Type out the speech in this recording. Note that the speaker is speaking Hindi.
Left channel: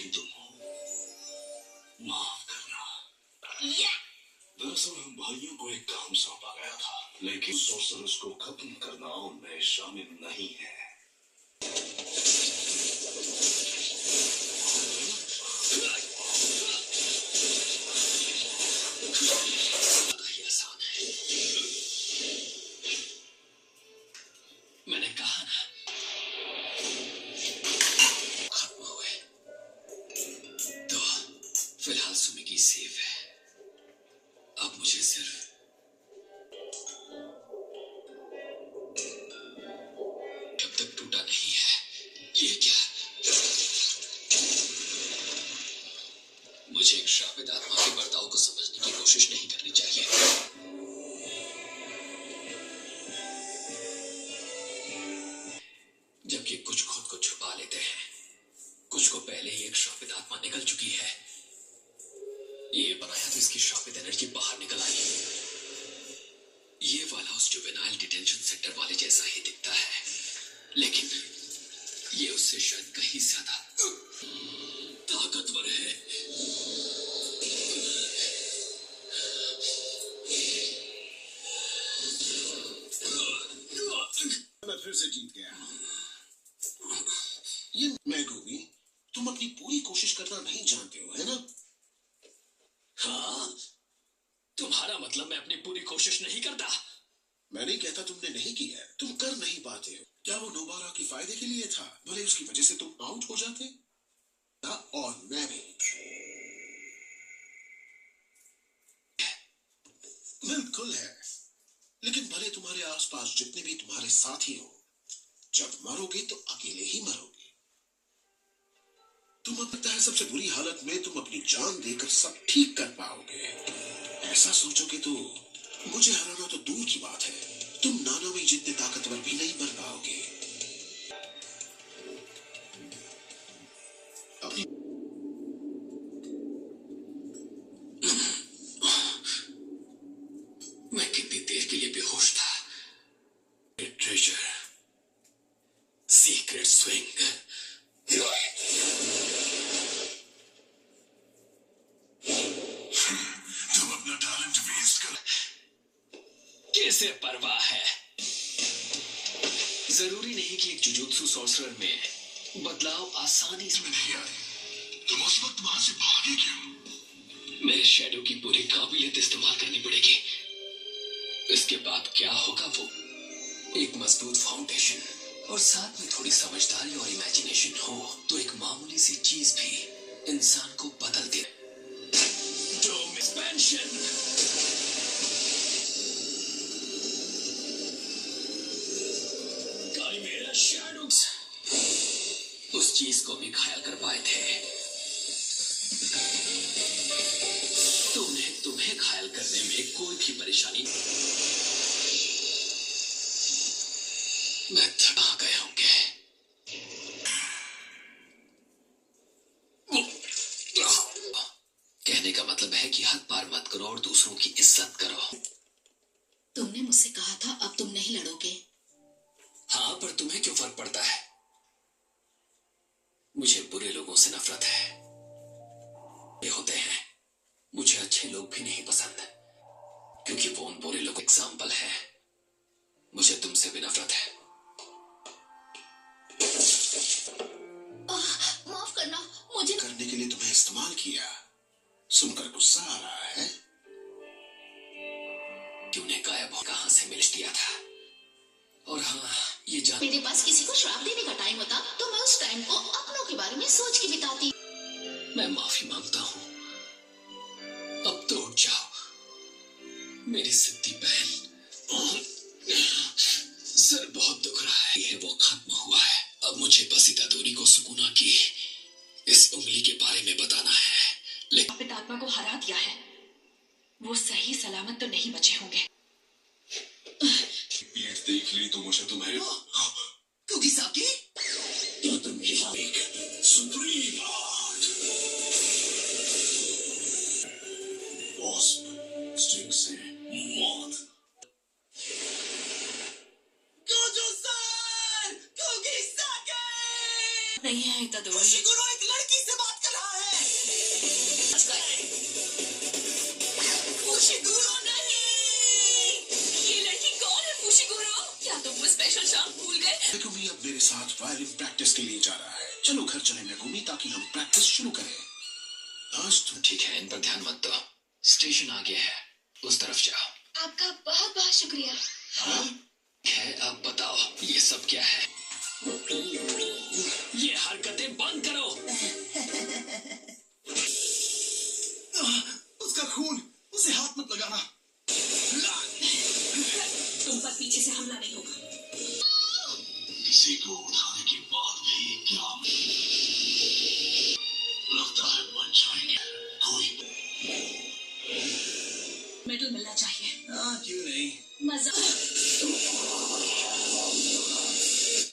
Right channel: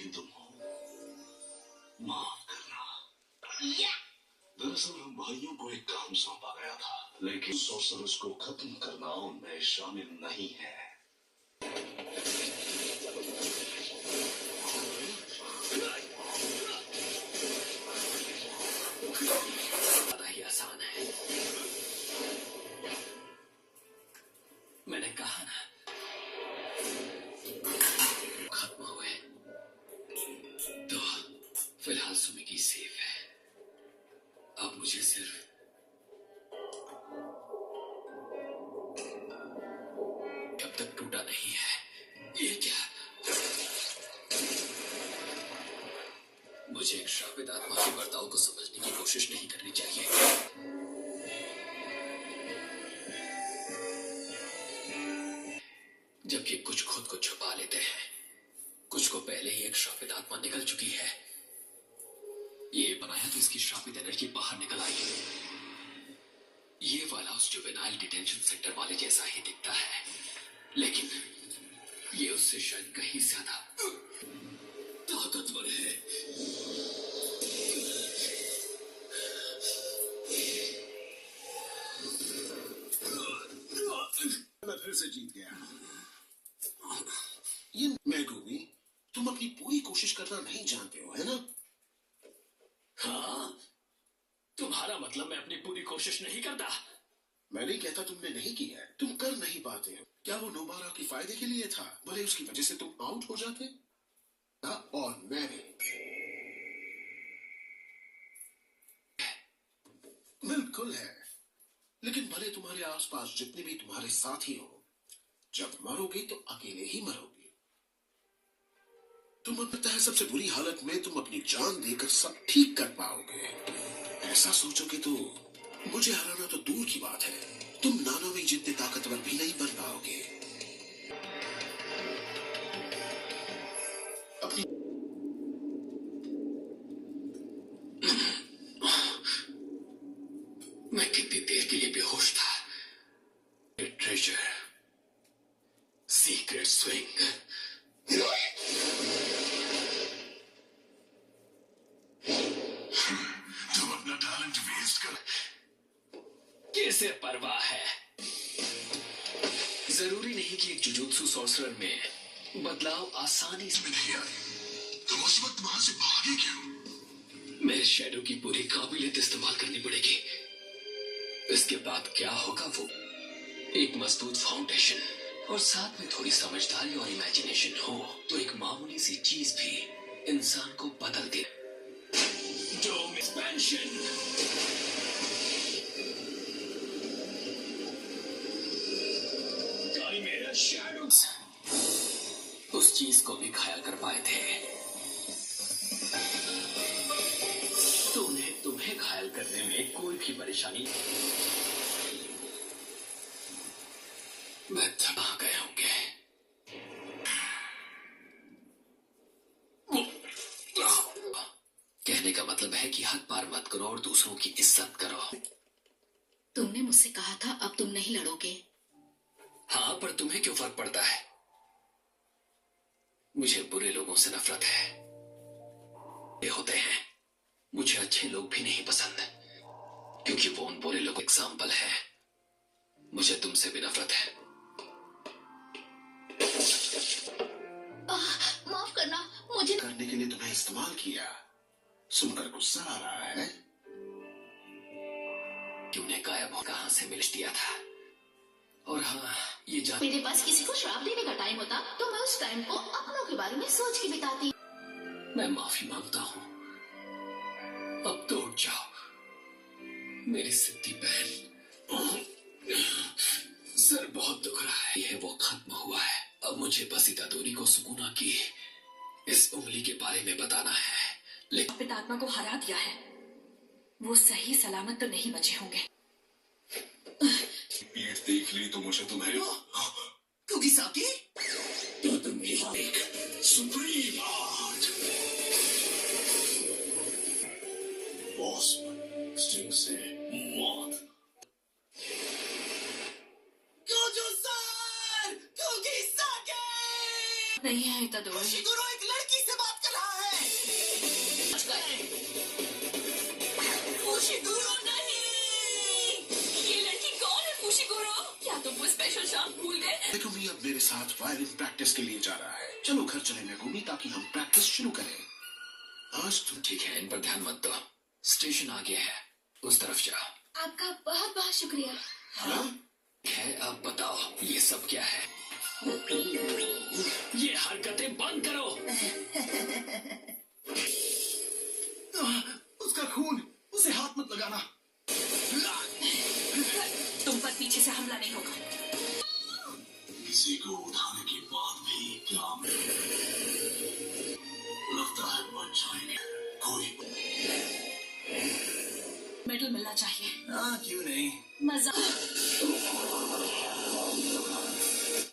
लेकिन तुम हो, माफ करना। दरअसल हम भाइयों को एक काम सौंपा गया था, लेकिन सॉर्सरर्स को खत्म करना उनमें शामिल नहीं है। ज्यादा ही आसान है। मैंने कहा ना, खत्म हुए तो फिलहाल सुमिकी सेफ है। अब मुझे सिर्फ अब तक टूटा नहीं है। ये क्या? मुझे एक श्रापित आत्मा के बर्ताव को समझने की कोशिश नहीं करनी चाहिए। जबकि कुछ खुद को छुपा लेते हैं, कुछ को पहले ही एक श्रापित आत्मा निकल चुकी है। ये बनाया तो इसकी श्रापित एनर्जी बाहर निकल आई। ये वाला उस जुवेनाइल डिटेंशन सेंटर वाले जैसा ही दिखता है, लेकिन ये उससे शायद कहीं ज्यादा ताकतवर है। मैं फिर से जीत गया। ये मैगोमी, तुम अपनी पूरी कोशिश करना नहीं जानते हो, है ना? हाँ, तुम्हारा मतलब मैं अपनी पूरी कोशिश नहीं करता? मैं नहीं कहता तुमने नहीं की है, तुम कर नहीं पाते हो। क्या वो नोबारा के फायदे के लिए था? भले उसकी वजह से तुम आउट हो जाते था, और मैं भी। बिल्कुल है, लेकिन भले तुम्हारे आसपास जितने भी तुम्हारे साथी हो, जब मरोगे तो अकेले ही मरोगे। तुम लगता है सबसे बुरी हालत में तुम अपनी जान देकर सब ठीक कर पाओगे। ऐसा सोचोगे तो मुझे हराना तो दूर की बात है, तुम नानामी जितने ताकतवर भी नहीं बन पाओगे। अपनी मैं कितनी देर के लिए बेहोश था। Treasure, secret swing. तुम अपना टैलेंट वेस्ट कर। कैसे परवाह है? जरूरी नहीं कि एक जुजुत्सु सॉर्सरर में बदलाव आसानी से नहीं आए, तुम उस वक्त वहां से भागे क्यों? मेरे शैडो की पूरी काबिलियत इस्तेमाल करनी पड़ेगी। इसके बाद क्या होगा, वो एक मजबूत फाउंडेशन और साथ में थोड़ी समझदारी और इमेजिनेशन हो तो एक मामूली सी चीज भी इंसान को बदल दे। डोम एक्सपेंशन। काइमेरा शैडोज उस चीज को भी घायल कर पाए थे। तो उन्हें तुम्हें घायल करने में कोई भी परेशानी मैं थमा गए होंगे। कहने का मतलब है कि हद पार मत करो और दूसरों की इज्जत करो। तुमने मुझसे कहा था अब तुम नहीं लड़ोगे। हाँ, पर तुम्हें क्यों फर्क पड़ता है? मुझे बुरे लोगों से नफरत है। ये होते हैं, मुझे अच्छे लोग भी नहीं पसंद, क्योंकि वो उन बुरे लोगों का एग्जाम्पल है। मुझे तुमसे भी नफरत है। माफ करना, मुझे करने के लिए तुम्हें इस्तेमाल किया। सुनकर गुस्सा आ रहा है? कि उन्हें गायब हो कहां से मिल दिया था। और हाँ, ये जान मेरे पास किसी को श्राप देने का टाइम होता तो मैं उस टाइम को अपनों के बारे में सोच के बिताती। मैं माफी मांगता हूं। अब तो उठ जाओ मेरी सिद्धि बहन। सर बहुत दुख रहा है। यह वो खत्म हुआ है। अब मुझे बस इतादोरी को सुकूना की इस उंगली के बारे में बताना है। लेकिन श्रापित आत्मा को हरा दिया है, वो सही सलामत तो नहीं बचे होंगे। पीठ देख ली तो मुझे तुम्हें कुगिसाकी, तो तुम यहाँ एक सुप्रीम आर्ट वॉस्प स्टिंग से मौत। कुगिसाकी नहीं है इतादोरी। शिगुरो एक लड़की से बात कर मेगुमी अब मेरे साथ वायलिन प्रैक्टिस के लिए जा रहा है। चलो घर चले मेगुमी, ताकि हम प्रैक्टिस शुरू करें। आज तुम ठीक है, इन पर ध्यान मत दो। स्टेशन आगे है, उस तरफ जाओ। आपका बहुत बहुत शुक्रिया। है, अब बताओ ये सब क्या है? ये हरकतें बंद करो। उसका खून, उसे हाथ मत लगाना। तुम पर पीछे से हमला नहीं होगा। किसी को उठाने के बाद भी क्या लगता है बच जाएंगे? कोई मेडल मिलना चाहिए। क्यों नहीं? मजा